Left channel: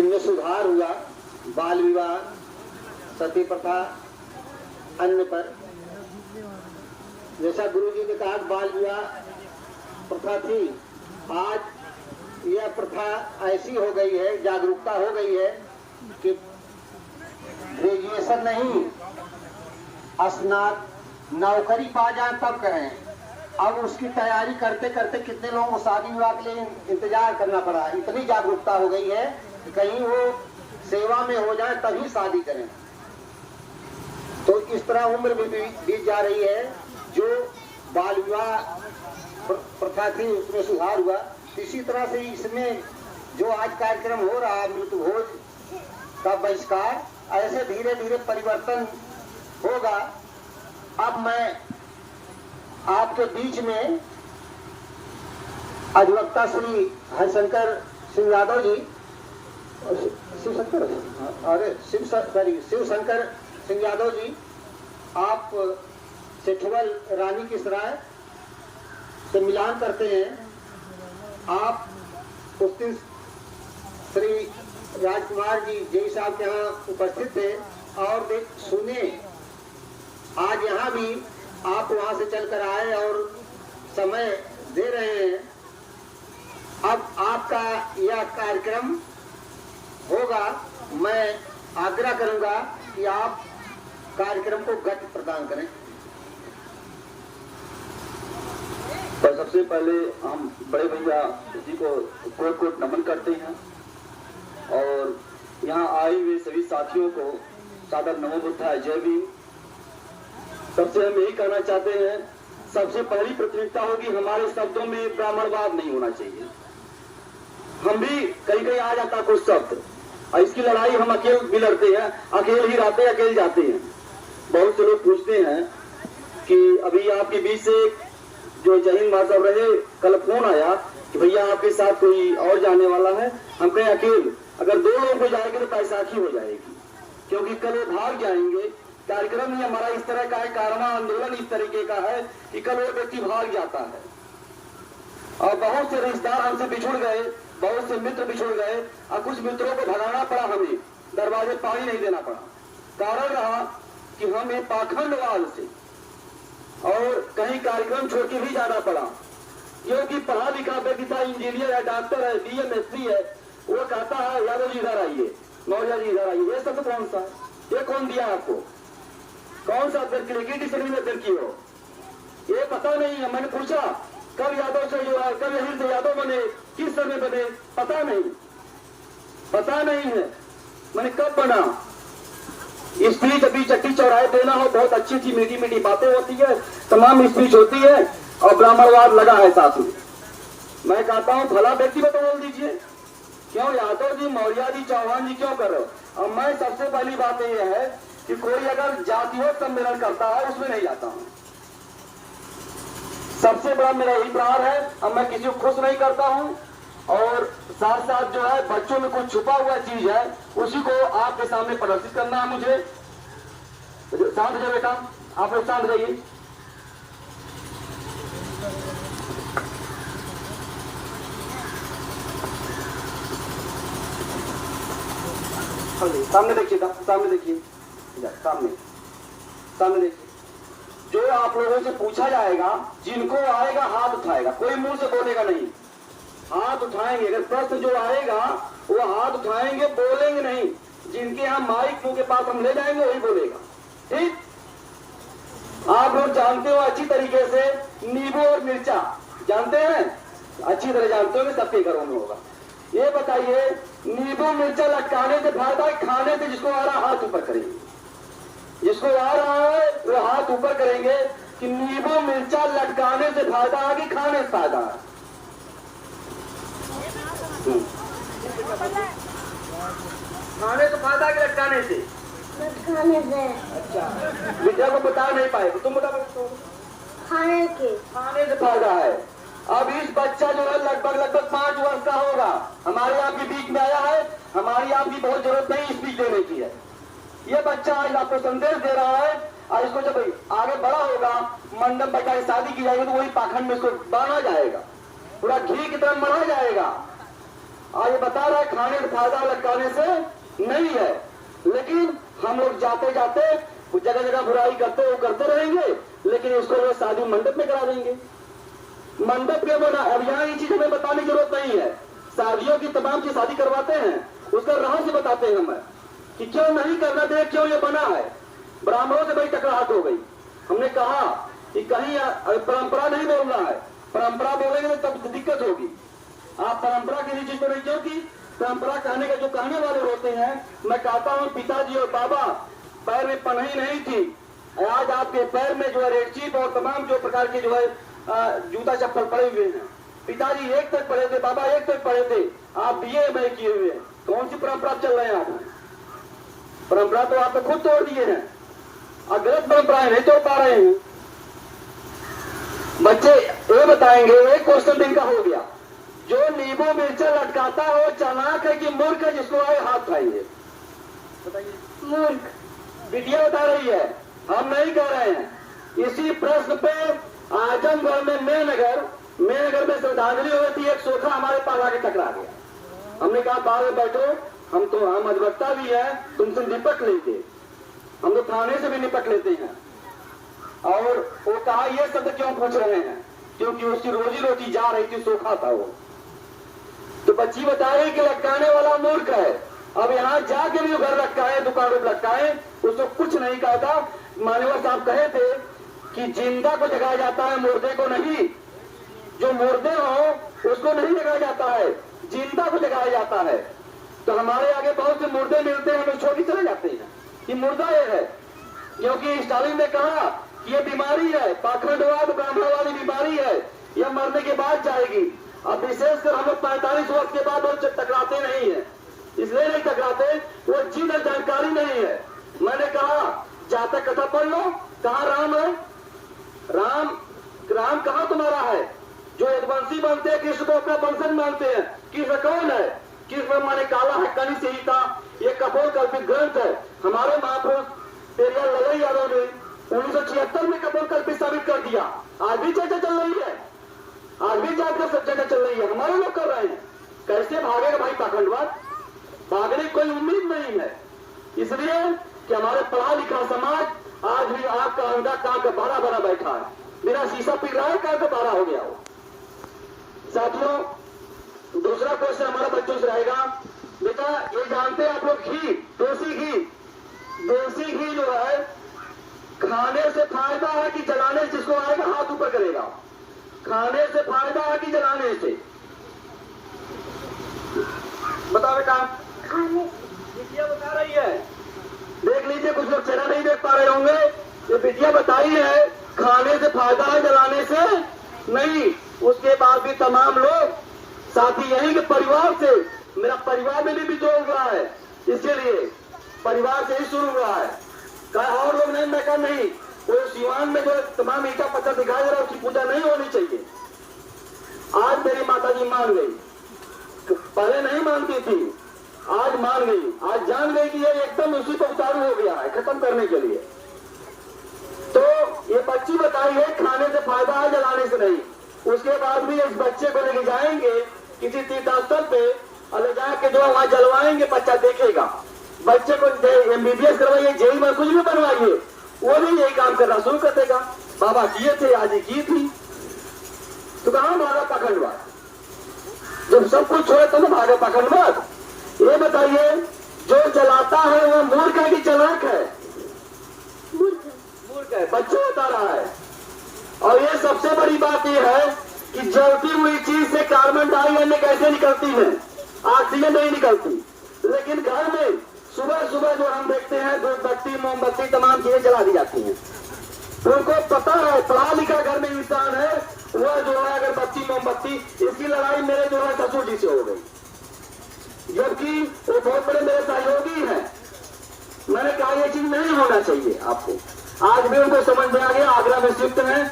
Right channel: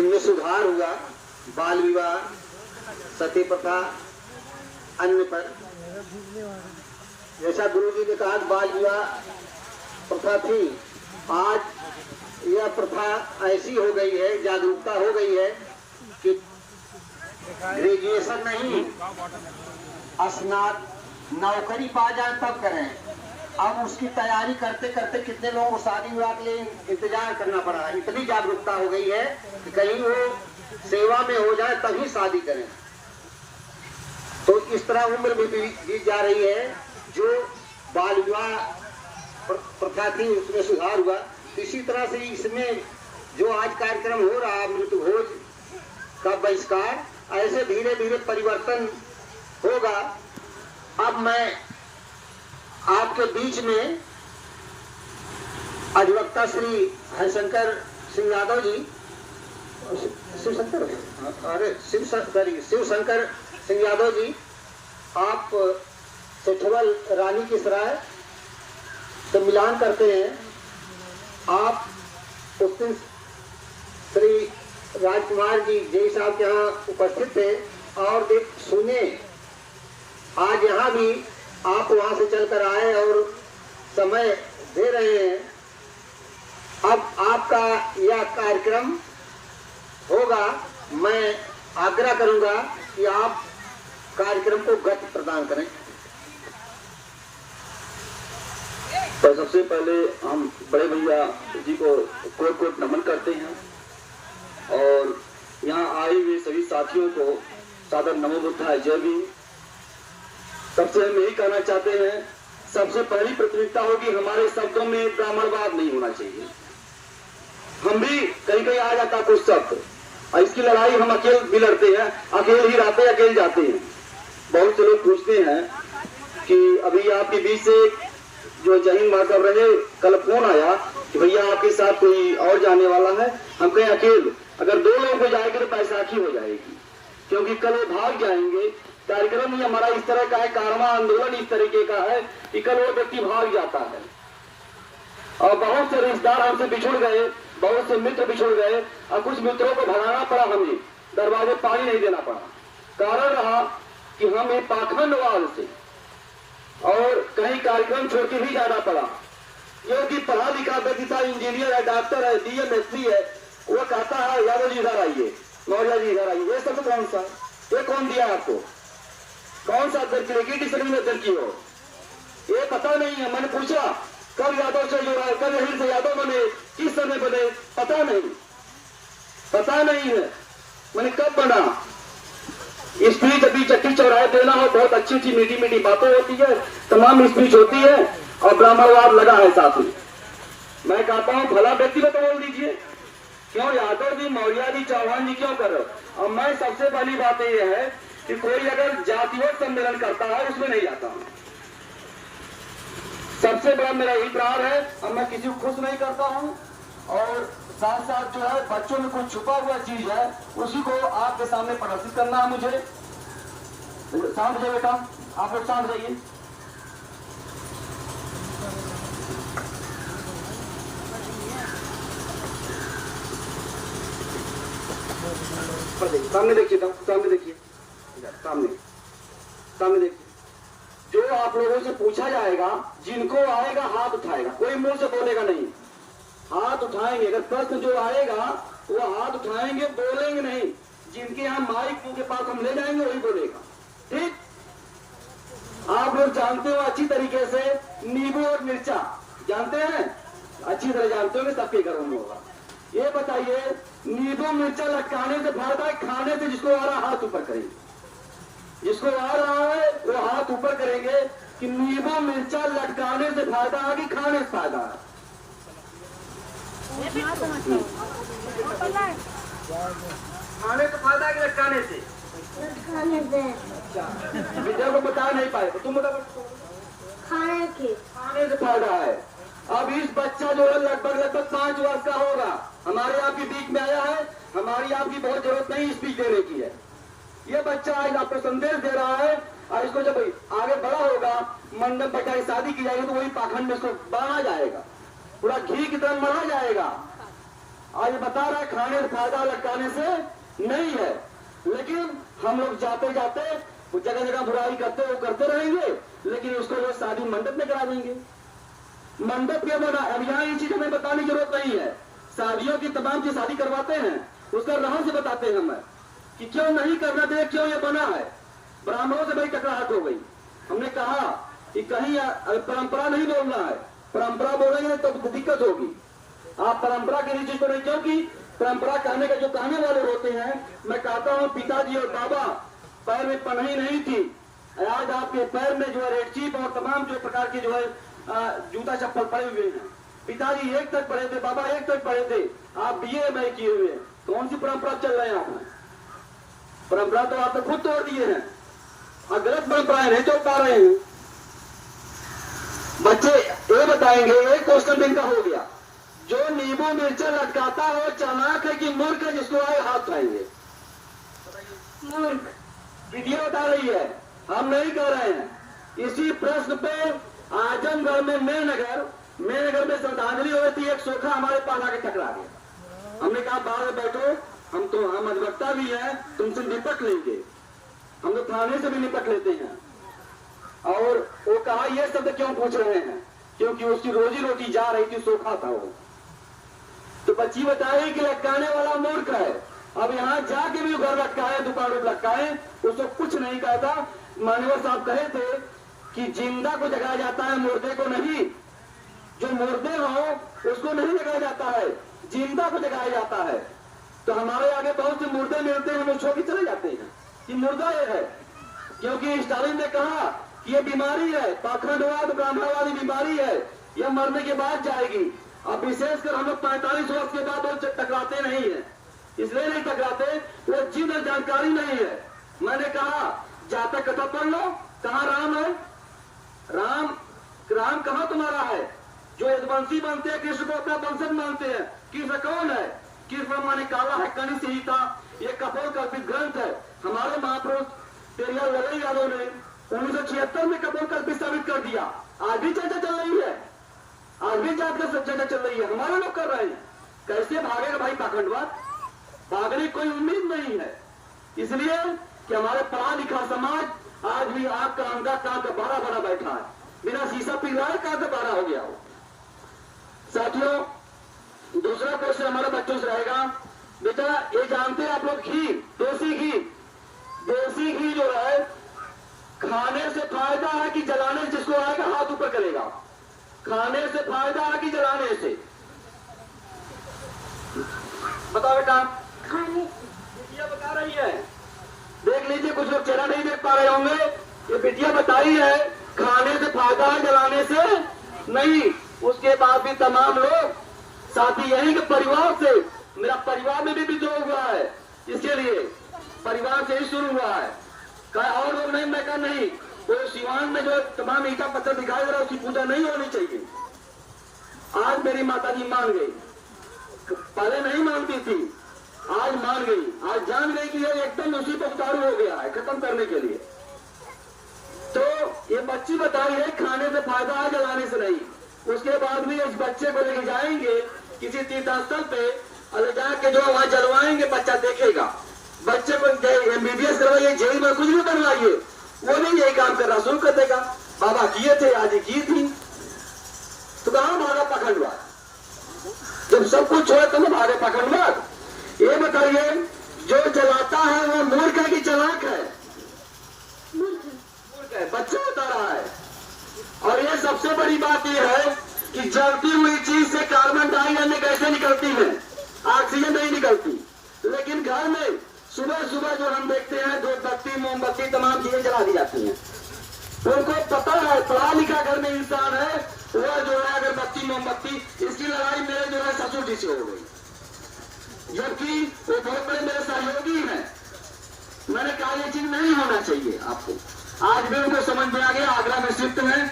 जिनमें सुधार हुआ, बाल विवाह, सती प्रथा, अन्य पर। जैसा गुरु जी ने कहा बाल विवाह प्रथा थी, आज यह प्रथा ऐसी हो गई है, जागरूकता हो गई है कि ग्रेजुएशन नहीं, स्नातक नौकरी पा जाए तब करें। अब उसकी तैयारी करते करते कितने लोगों को शादी विवाह के लिए इंतजार करना पड़ा। इतनी जागरूकता हो गई है कि कहीं वो सेवा में हो जाए तभी शादी करें। तो इस तरह उम्र भी बीत जा रही है। जो बाल विवाह प्रथा थी उसमें सुधार हुआ, इसी तरह से इसमें जो आज कार्यक्रम हो रहा मृत्यु भोज का बहिष्कार, ऐसे धीरे धीरे परिवर्तन होगा। अब मैं आपके बीच में अधिवक्ता श्री हरिशंकर सिंह यादव जी, शिवशंकर सिंह यादव जी, आप सेठवल रानी की सराय से मिलान करते हैं। आप उस दिन श्री राजकुमार जी जय साहब के यहाँ उपस्थित थे और सुने। आज यहाँ भी आप वहां से चलकर आए और समय दे रहे हैं। अब आपका यह कार्यक्रम होगा, मैं आग्रह करूंगा कि आप कार्यक्रम को गति प्रदान करें। तो सबसे पहले हम बड़े भैया जी को कोट कोट नमन करते हैं और यहाँ आए हुए सभी साथियों को सादर नमो बुद्धाय जय भीम। सबसे हम यही कहना चाहते हैं, सबसे पहली प्राथमिकता होगी हमारे शब्दों में ब्राह्मणवाद नहीं होना चाहिए। हम भी कहीं कहीं आ जाता कुछ शब्द, और इसकी लड़ाई हम अकेले भी लड़ते हैं, अकेले ही रहते हैं, अकेले जाते हैं। बहुत से लोग पूछते हैं कि अभी आपके बीच से जो जहीन मार्कब रहे, कल फोन आया कि भैया आपके साथ कोई और जाने वाला है। हम कहें अकेले, अगर 2 लोगों को जाएंगे तो बैसाखी हो जाएगी, क्योंकि कल वो भाग जाएंगे। कार्यक्रम ही हमारा इस तरह का है, कारवां आंदोलन इस तरीके का है कि कल वो व्यक्ति भाग जाता है। और बहुत से रिश्तेदार हमसे बिछुड़ गए, बहुत से मित्र बिछुड़ गए और कुछ मित्रों को भगाना पड़ा, हमें दरवाजे पानी नहीं देना पड़ा। कारण रहा कि हमें पाखंडवाद से और कहीं कार्यक्रम छोड़ के भी जाना पड़ा। जो कि पढ़ा लिखा व्यक्ति था, इंजीनियर है, डॉक्टर है, डीएम एसपी है, वो कहता है यादव जी इधर आइए, मौर्य जी इधर आइए। ये सब कौन सा है? ये कौन दिया आपको? कौन सा अध्यक्ष में अध्यक्ष की हो? ये पता नहीं है। मैंने पूछा कब यादव से जुड़ा, कब यहीं से यादव बने, किस समय बने, पता नहीं है। मैंने कब बना? स्पीच अभी चट्टी चौराहे देना हो, बहुत अच्छी अच्छी मीठी मीठी बातें होती है, तमाम स्पीच होती है और ब्राह्मणवाद लगा है साथ में। मैं कहता हूं भला व्यक्ति को बोल दीजिए, क्यों यादव जी, मौर्य जी, चौहान जी क्यों कर रहे हो? और मैं सबसे पहली बात यह है कि कोई अगर जातीय सम्मेलन करता है उसमें नहीं जाता हूं। सबसे बड़ा मेरा यही प्रहार है। अब मैं किसी को खुश नहीं करता हूं और साथ साथ जो है बच्चों में कुछ छुपा हुआ चीज है उसी को आपके सामने प्रदर्शित करना है मुझे। शांत हो जाए बेटा, आप लोग शांत रहिए। सामने देखिए, सामने देखिए, सामने देखिए। जो आप लोगों से पूछा जाएगा, जिनको आएगा हाथ उठाएगा, कोई मुंह से बोलेगा नहीं, हाथ उठाएंगे। अगर प्रश्न जो आएगा वो हाथ उठाएंगे, बोलेंगे नहीं। जिनके यहाँ माइक मुंह के पास हम ले जाएंगे वही बोलेगा, ठीक? आप लोग जानते हो अच्छी तरीके से नींबू और मिर्चा जानते हैं, अच्छी तरह जानते हो, सबके घरों में होगा। ये बताइए नींबू मिर्चा लटकाने से फायदा है, खाने से? जिसको आ रहा हाथ ऊपर करेंगे, जिसको आ रहा है वो हाथ ऊपर करेंगे कि नींबू मिर्चा लटकाने से फायदा है कि खाने से फायदा है? खाने से फायदा है कि लटकाने से? अच्छा, विद्या को बता नहीं पाए, तुम बता। खाने से फायदा है। अब इस बच्चा जो है लगभग 5 वर्ष का होगा, हमारे आपके बीच में आया है। हमारी आपकी बहुत जरूरत नहीं स्पीच देने की है। ये बच्चा आज आपको संदेश दे रहा है और इसको जब आगे बड़ा होगा, मंडप बैठा के शादी की जाएगी तो वही पाखंड में इसको बढ़ा जाएगा, पूरा घी की तरह मरा जाएगा। आज ये बता रहा है खाने से फायदा लटकाने से नहीं है, लेकिन हम लोग जाते जाते जगह जगह बुराई करते वो करते रहेंगे, लेकिन उसको लोग शादी मंडप में करा देंगे। मंडप के बना, अब यहाँ ये चीज हमें बताने की जरूरत नहीं है। शादियों की तमाम की शादी करवाते हैं, उसका रहस्य बताते हैं हमें कि क्यों नहीं करना चाहिए, क्यों ये बना है। ब्राह्मणों से बड़ी टकराहट हो गई। हमने कहा कि कहीं परंपरा नहीं बोलना है, परंपरा बोलेंगे तो तब दिक्कत होगी। आप परंपरा की चीज को नहीं, क्योंकि परंपरा कहने के जो कहने वाले होते हैं, मैं कहता हूँ पिताजी और बाबा पैर में पन्ही नहीं थी, आज आपके पैर में जो है रेडचीप और तमाम जो प्रकार के जो है जूता चप्पल पड़े हुए हैं। पिताजी 1 तक पढ़े थे, बाबा 1 तक पढ़े थे, आप बीए में किए हुए हैं। कौन सी परंपरा चल रहे हैं आप में? परंपरा तो आप तो खुद तोड़ दिए हैं और गलत परंपराएं नहीं तोड़ पा रहे हैं। बच्चे ये बताएंगे, एक क्वेश्चन इनका हो गया, जो नींबू मिर्चा लटकाता हो चालाक है कि मूर्ख है, जिसको आए हाथ उठाइए। मूर्ख वीडियो बता रही है, हम नहीं कह रहे हैं। इसी प्रश्न पे आजमगढ़ में मेनगर में श्रद्धांजलि हुई थी, एक सोखा हमारे पास आके टकरा गया। हमने कहा बाहर में बैठो, हम अधिवक्ता भी है, तुमसे निपट लेंगे, हम तो थाने से भी निपट लेते हैं। और वो कहा ये शब्द क्यों पूछ रहे हैं, क्योंकि उसकी रोजी रोटी जा रही थी, सोखा था वो। तो बच्ची बताई कि लटकाने वाला मूर्ख है। अब यहाँ जाके भी घर लटकाए, दुकान पर लटकाए, उसको कुछ नहीं कहा था। मान्यवर साहब कहे थे कि जिंदा को जगाया जाता है, मुर्दे को नहीं। जो मुर्दे हो उसको नहीं जगाया जाता है, जिंदा को जगाया जाता है। तो हमारे आगे बहुत से मुर्दे मिलते हैं, हम छोड़ के चले जाते हैं कि मुर्दा ये है, क्योंकि स्टालिन ने कहा कि ये बीमारी है, पाखंडवाद ब्राह्मणवादी बीमारी है, यह मरने के बाद जाएगी। अब विशेषकर हम लोग 45 वर्ष के बाद वो टकराते नहीं है, इसलिए नहीं टकराते, वो जिन जानकारी नहीं है। मैंने कहा जातक कथा पढ़ लो, कहाँ राम है, राम कहाँ तुम्हारा है? जो यदुवंशी बनते हैं, कृष्ण को अपना वंशज मानते हैं। कृष्ण कौन है? कृष्ण माने काला है, कनि संहिता, ये कपोल कल्पित ग्रंथ है। हमारे महापुरुष पेरियार लड़ई यादव ने 1976 में कपोल कल्पित साबित कर दिया। आज भी चर्चा चल रही है, आज भी जाकर चर्चा चल रही है, हमारे लोग कर रहे हैं। कैसे भागेगा भाई पाखंडवाद? भागने की कोई उम्मीद नहीं है। इसलिए कि हमारे पढ़ा लिखा समाज आज भी आपका अंगा कान का बारह बना बैठा है, बिना शीशा पिघलाए कान का बारह हो गया हो। साथियों, दूसरा क्वेश्चन हमारा बच्चों से रहेगा। बेटा ये जानते हैं आप लोग, घी, देसी घी जो है खाने से फायदा है कि जलाने से? जिसको आएगा हाथ ऊपर करेगा। खाने से फायदा है कि जलाने से? बताओ बेटा। बिटिया बता रही है, देख लीजिए, कुछ लोग चेहरा नहीं देख पा रहे होंगे। ये बिटिया बताई है खाने से फायदा है, जलाने से नहीं। उसके बाद भी तमाम लोग साथी यही के परिवार से, मेरा परिवार में भी विद्रोह हुआ है, इसके लिए परिवार से ही शुरू हुआ है। और लोग नहीं, मैं कहा नहीं, वो सिवान में जो तमाम ईटा पत्थर दिखाई दे रहा है उसकी पूजा नहीं होनी चाहिए। आज मेरी माताजी मान गई, पहले नहीं मानती थी, आज मान गई, आज जान गई कि ये एकदम उसी पर उतारू हो गया है खत्म करने के लिए। तो ये बच्ची बताई है खाने से फायदा है, जलाने से नहीं। उसके बाद भी इस बच्चे को लेके जाएंगे किसी तीर्थस्थल पे और ले जाके जो वहां जलवाएंगे, बच्चा देखेगा। बच्चे को MBBS करवाइए, जेई में कुछ भी बनवाइए, वो नहीं यही काम करना शुरू कर देगा। बाबा किए थे, आज की थी, तो कहां भागा पाखंडवाद? जब सब कुछ छोड़े तो भागे पाखंडवाद। ये बताइए, जो जलाता है वो मूर्ख है कि चालाक है? मूर्ख है, बच्चा बता रहा है। और ये सबसे बड़ी बात यह है कि जलती हुई चीज से कार्बन डाइऑक्साइड कैसे निकलती है? ऑक्सीजन नहीं निकलती। लेकिन घर में सुबह सुबह जो हम देखते हैं, धूपबत्ती, मोमबत्ती, तमाम चीजें जला दी जाती हैं। उनको पता है, पढ़ा लिखा घर में इंसान है, वह जो है अगरबत्ती, मोमबत्ती, इसकी लड़ाई मेरे जो है ससुर जी से हो गई, जबकि वो बहुत बड़े मेरे सहयोगी हैं। मैंने कहा ये चीज नहीं होना चाहिए आपको। आज भी उनको समझ में आ गया, आगरा में शिफ्ट है।